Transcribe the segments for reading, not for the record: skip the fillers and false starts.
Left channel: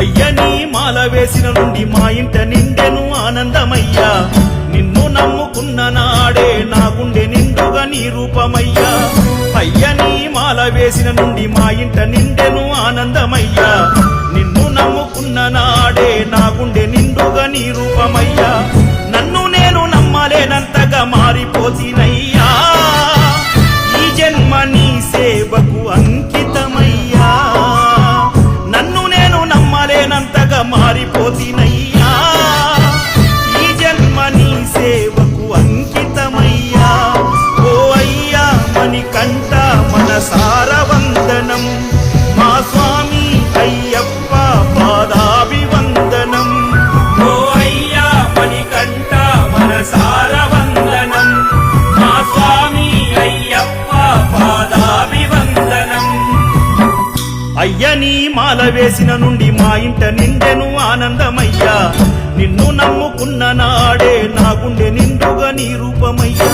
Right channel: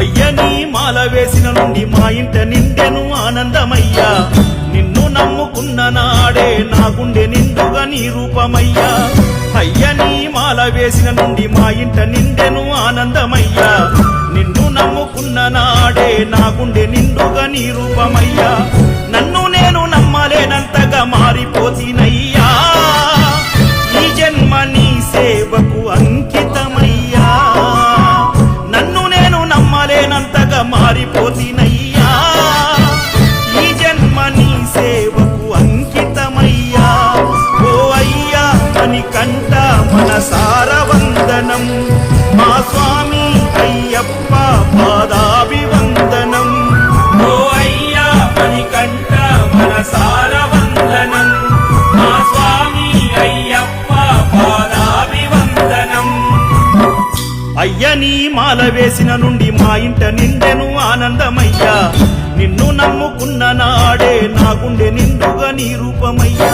అయ్యని మాల వేసిన నుండి మా ఇంట నిండెను ఆనందమయ్యా నిన్ను నమ్ముకున్న నాడే నా గుండె నిండుగా నీ రూపమయ్యా అయ్యని మాల వేసిన నుండి మా ఇంట నిండెను ఆనందమయ్యా నిన్ను నమ్ముకున్న నాడే నా గుండె నిండుగా నీ రూపమయ్యా నన్ను నేను నమ్మలేనంతగా మారిపోతినయ్యా ఈ జన్మ నీ సేవకు అంకితమయ్యా నన్ను నేను నమ్మలేనంతగా మారిపోతినయ్యా ఈ జన్మ నీ సేవకు అంకితమయ్యా ఓ అయ్యా మణికంఠ మనసార వందనం మా స్వామి అయ్యప్ప పాదాభివందనం ఓ అయ్యా మణికంఠ మనసార వందనం మా స్వామి అయ్యప్ప పాదాభివందనం అయ్యని మాల వేసిన నుండి మా ఇంట నిండెను ఆనందమయ్యా నిన్ను నమ్ముకున్న నాడే నా గుండె నిండుగా నీ రూపమయ్యా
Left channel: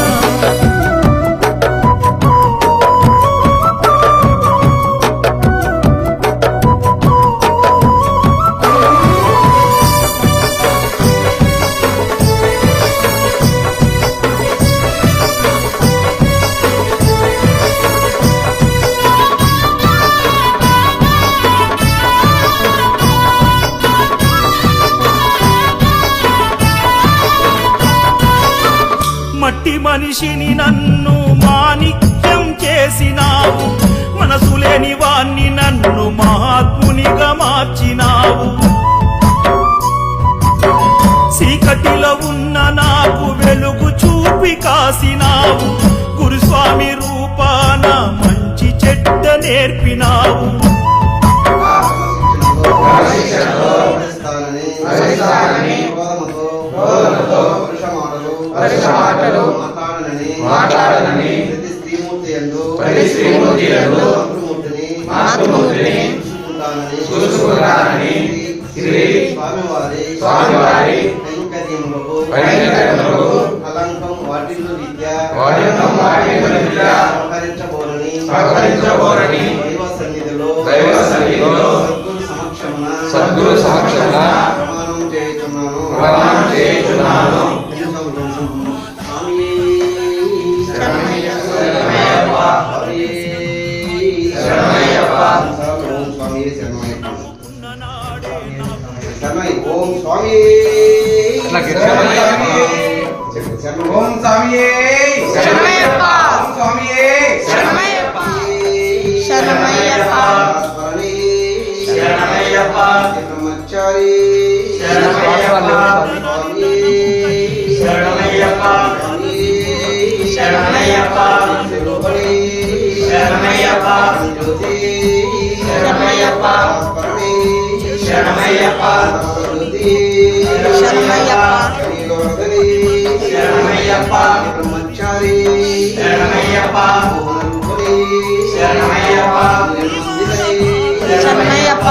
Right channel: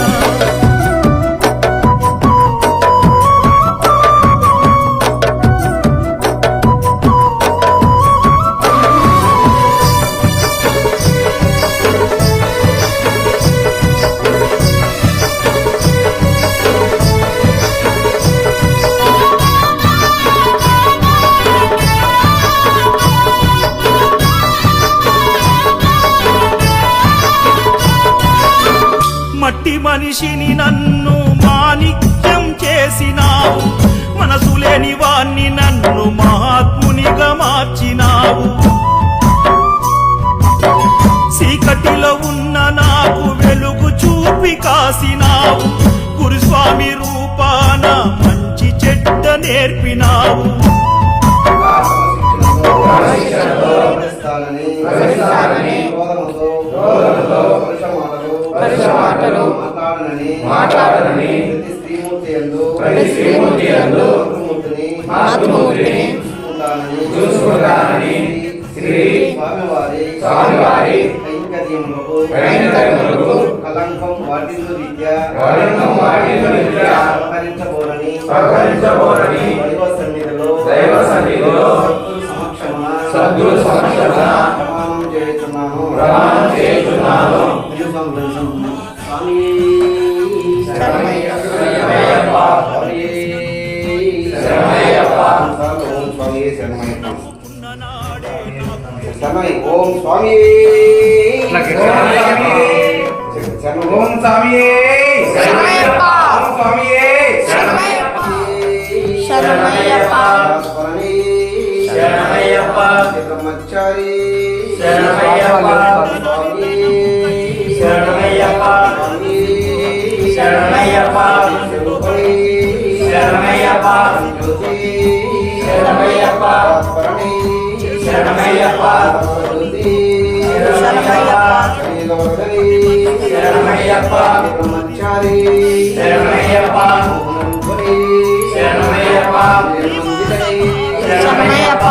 మట్టి మనిషిని నన్ను మాణిక్యం చేసినావు మనసు లేని వాణ్ణి నన్ను మహాత్మునిగా మార్చినావు చీకటిలో ఉన్న నాకు వెలుగు చూపి కాసినావు గురుస్వామి రూపాన మంచి చెడ్డ నేర్పినావు మాటలు మాట్లాడనని ప్రతి శ్రీమూర్తి యందు మాతృమూర్తిని చూసుకుంటానని శ్రీ స్వామివారి కైంకర్యములకు కలంకం వాటిల్లు రీత్యా సహకరించబోరని దైవ సన్నిధిలో సద్గురు సమక్షమున ప్రమాణం చేయుచున్నాను ఓం స్వామి ఓం స్వామి శరణమయ్యప్ప శరణమయ్యప్ప బ్రహ్మచారి శరణమయ్యప్ప శరణమయ్యప్ప శరణమయ్యప్ప శరణమయ్యప్ప శరణమయ్యప్ప శరణమయ్యప్ప శరణమయ్యప్ప బ్రహ్మచారి శరణమయ్యప్ప శరణమయ్యప్ప శరణమయ్యప్ప